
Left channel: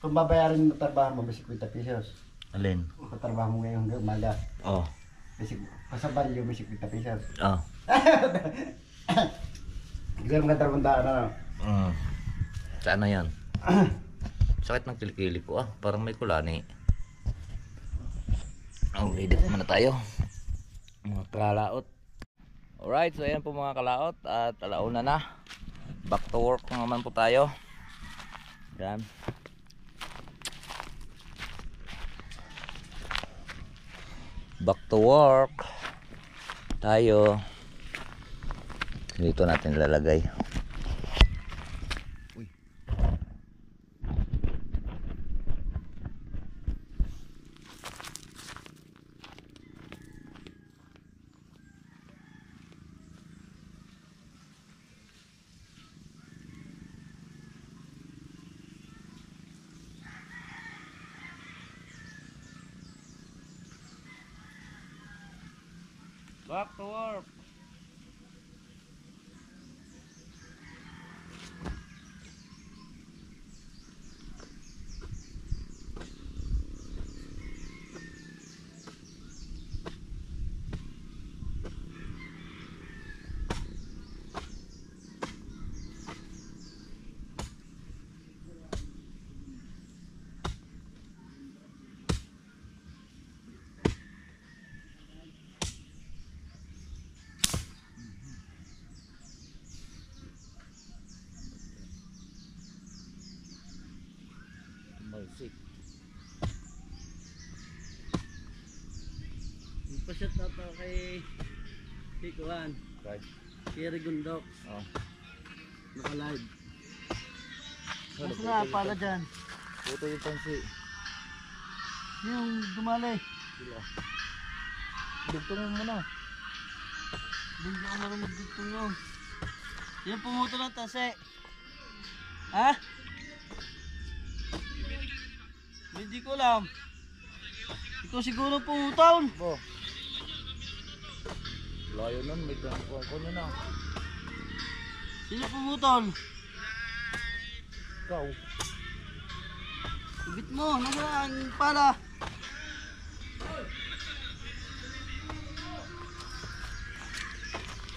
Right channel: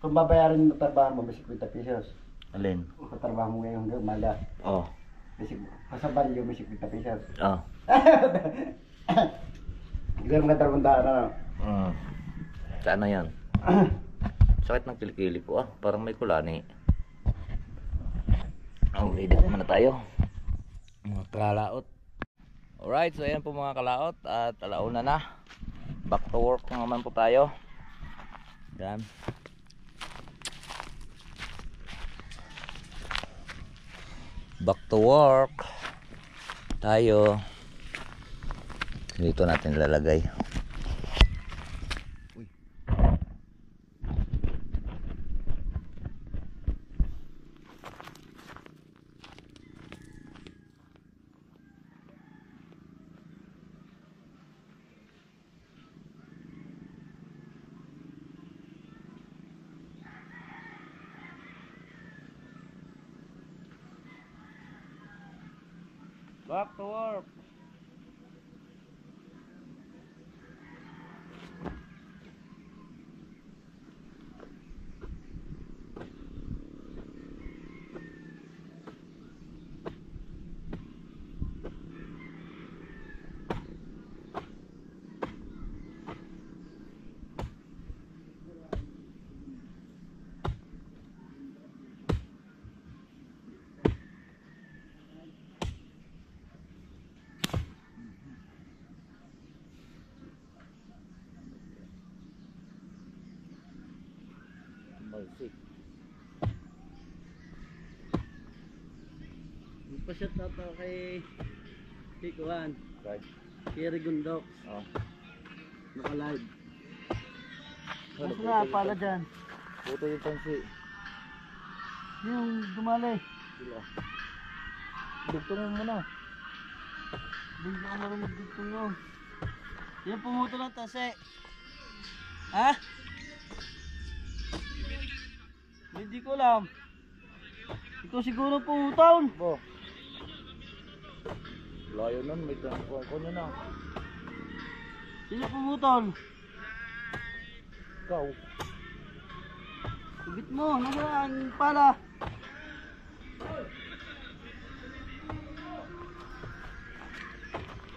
kung babayaran mo trabaho mo, basic 50 pesos. Alin? Kung trabaho mo ngayong umaga, Oh. basic, pasabal yung basic 50 pesos. Oh. Hindi mo ka tarabandaan na. Saan na yan? Sakit ng kilikili ko ah. Parang may kulani. Oh, edit muna tayo. Mga kalaot. Alright, so ayan po mga kalaot. At alauna na. Back to work na naman po tayo. Yan. Back to work. Tayo. Dito natin lalagay. Uy. Back to work. Balsik. Magpa-shot na to kay Tikuan. Right. Kiri Gundok. Oh. Naka-live. Mas na pala dyan. Puto yung pansi. Yung dumali. Sila. Dugtong mo muna. Hindi ka marunong magdugtong yun. Yung pumuto ng tase. Ha? Hindi ko alam. Ikaw siguro pumutol. Bo. Layo nun, may tangkuhan ko na. Sino pumutol? Ikaw. Ibit mo, nasaan pala?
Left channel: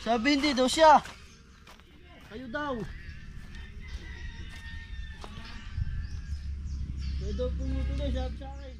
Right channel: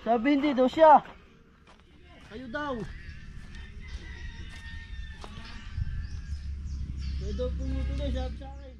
Sabi hindi daw siya. Kayo daw. Kayo daw pumutol eh, sabi sa akin.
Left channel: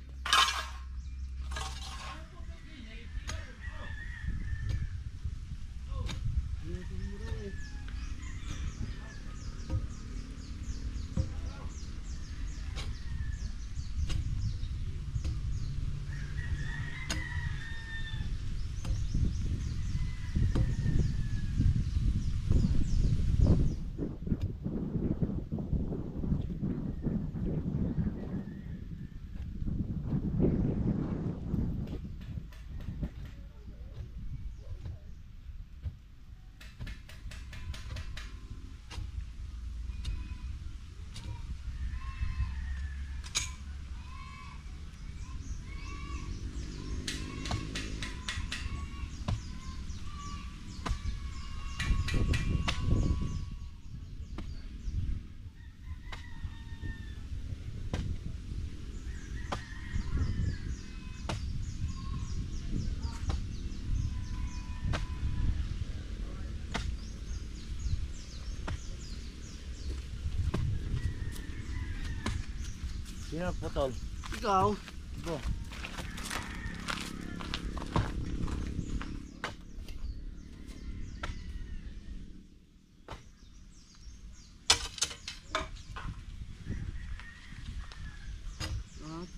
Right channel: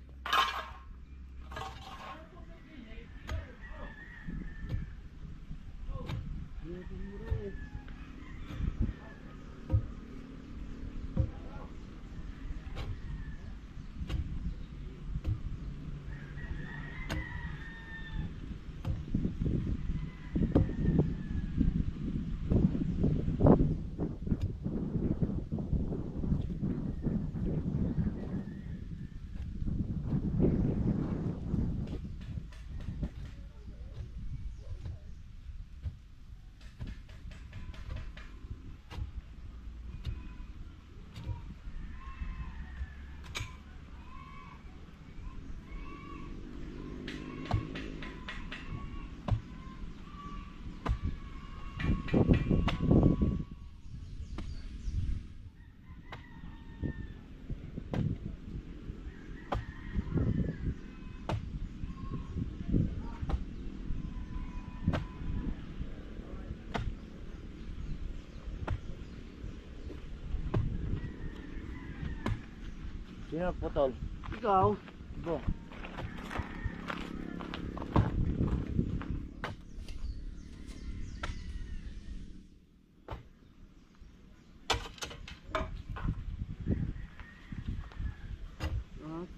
Sino nagputol? Ikaw. Bo.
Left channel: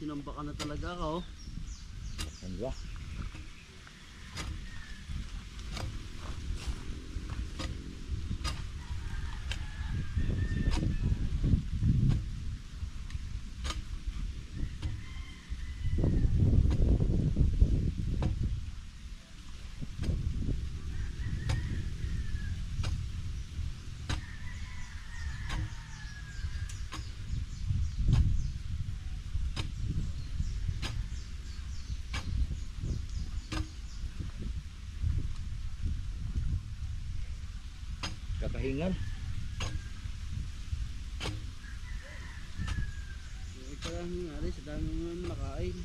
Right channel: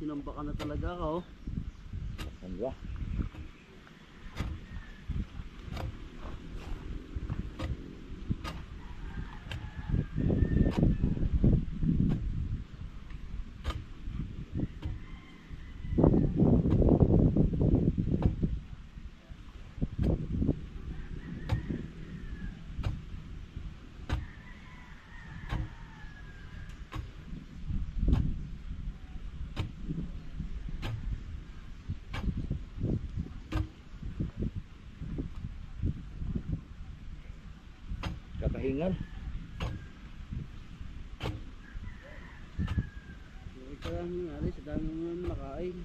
Tinamba ka na talaga ka oh. Ano ba? Kakahingal. Ito lang nangyari sa dami mo nakain.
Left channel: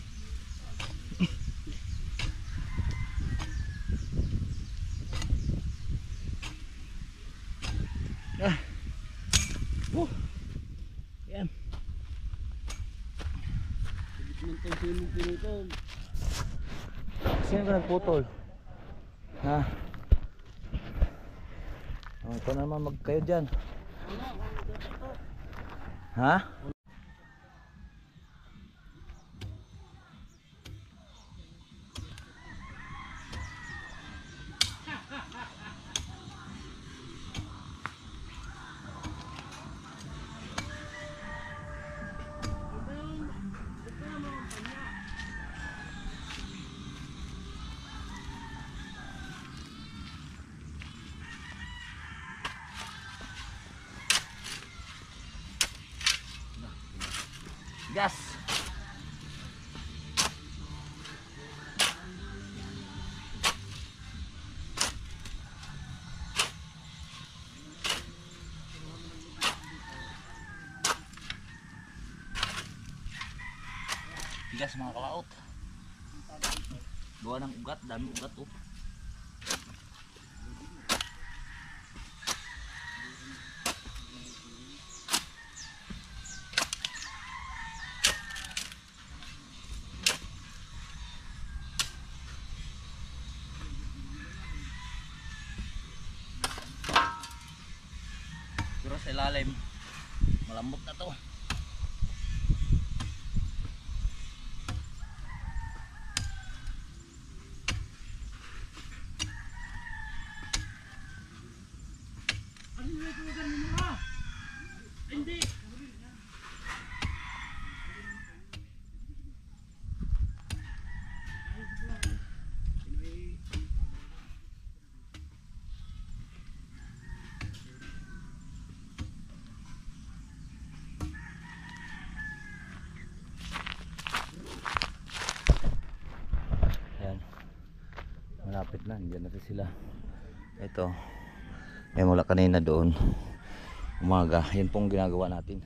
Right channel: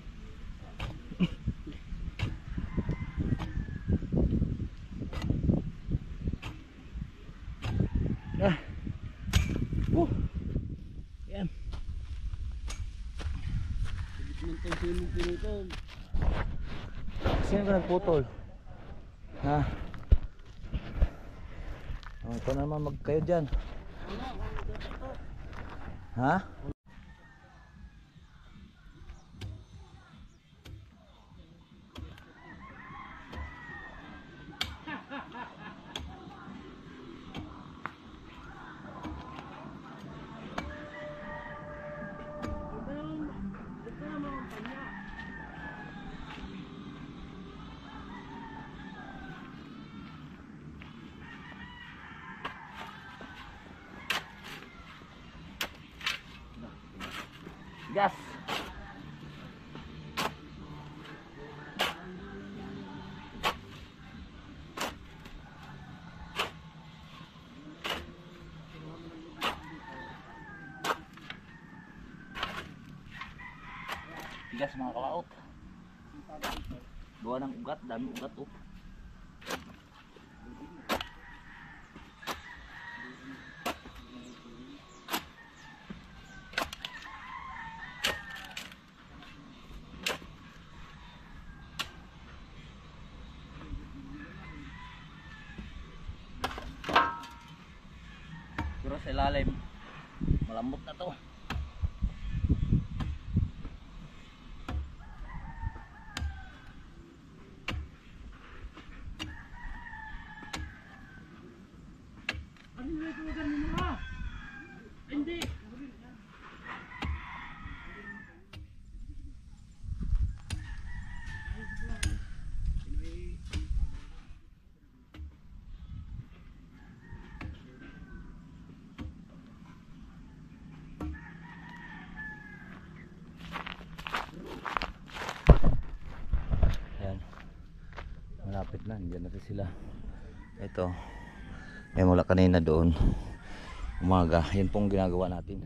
Yan. Gitman tayo sa imong pinutol. Sino ba nagputol? Ha? Oh, ito naman magkayo dyan. Ha? Gas. Bigas mga kalaot. Gawa ng ugat, dami ugat oh. Pero sa ilalim malambot na to. Ayan. Malapit na, andyan na sila. Ito. May mula kanina doon. Umaga, yun pong ginagawa natin.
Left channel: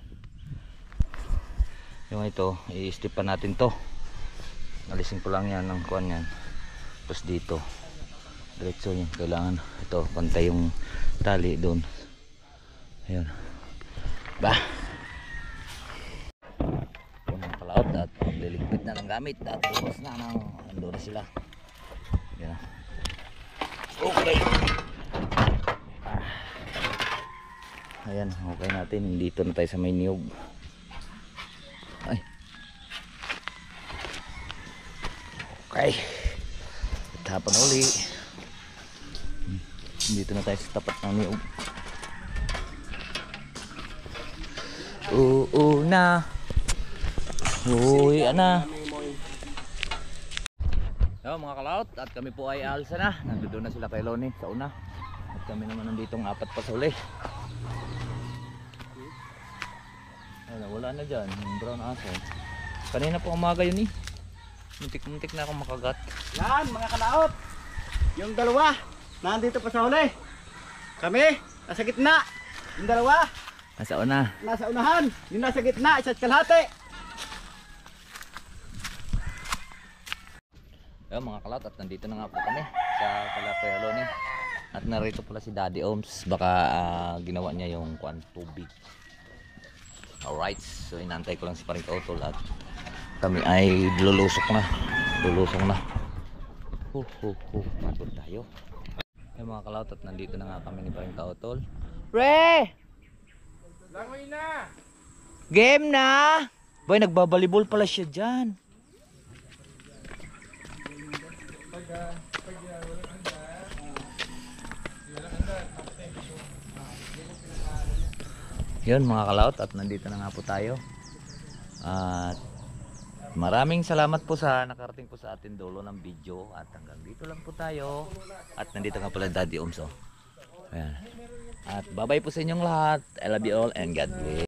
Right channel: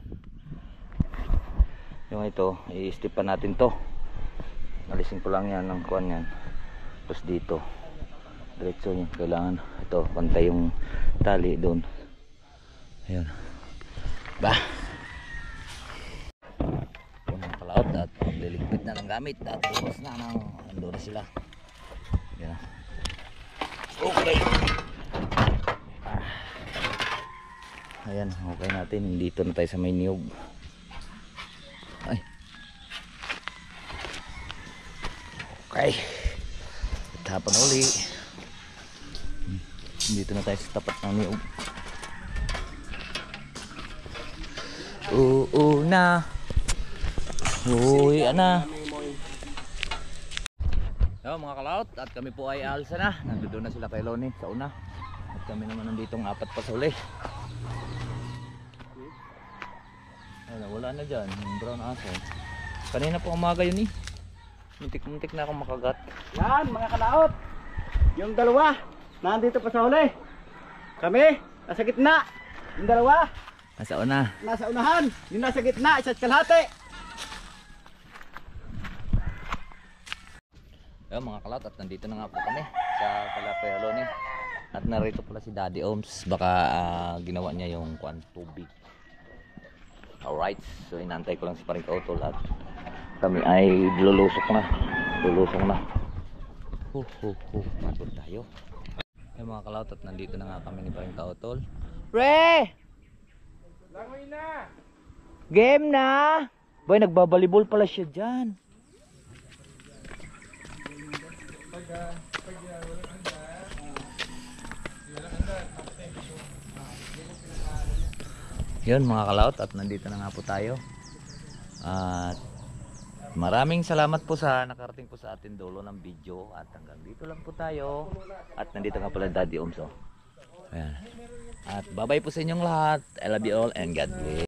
Yung ito, i-stipan natin to. Alisin ko lang yan ng kuwan yan. Tapos dito diretso yun, kailangan ito, pantay yung tali doon. Ayun. Ba? Unang palaot at liligpit na ng gamit at bukas na ng ando na sila. Yan. Okay. Ayan, okay natin. Dito na tayo sa may niyog. Ay. Okay. Tapan uli. Dito na tayo sa tapat ng niyog. Na. Uy, ana. Yo, mga kalaot, at kami po ay alsa na. Nandoon na sila kay Loni sa una. At kami naman nanditong apat pa sa uli. Wala na dyan, yung brown aso. Kanina po umaga yun eh. Muntik-muntik na akong makagat. Yan mga kalaot. Yung dalawa nandito pa sa huli. Kami nasa gitna. Yung dalawa Nasa una. nasa unahan. Yung nasa gitna isa't kalahati. Ayun mga kalat, at nandito na nga po kami sa Kalapay Aloni. At narito pala si Daddy Oms. Baka ginawa niya yung kuan tubig. Alright, so inantay ko lang si paring kautol at kami ay lulusok na. Lulusong na. Pagod tayo. Ay mga kalawt at nandito na nga kami ni paring kautol. Re! Langoy na! Game na! Boy, nagbabalibol pala siya dyan. Yun mga kalawt at nandito na nga po tayo. At maraming salamat po sa nakarating po sa atin dulo ng video. At hanggang dito lang po tayo. At nandito nga pala Daddy Umso. Ayan. At bye bye po sa inyong lahat. I love you all and God bless.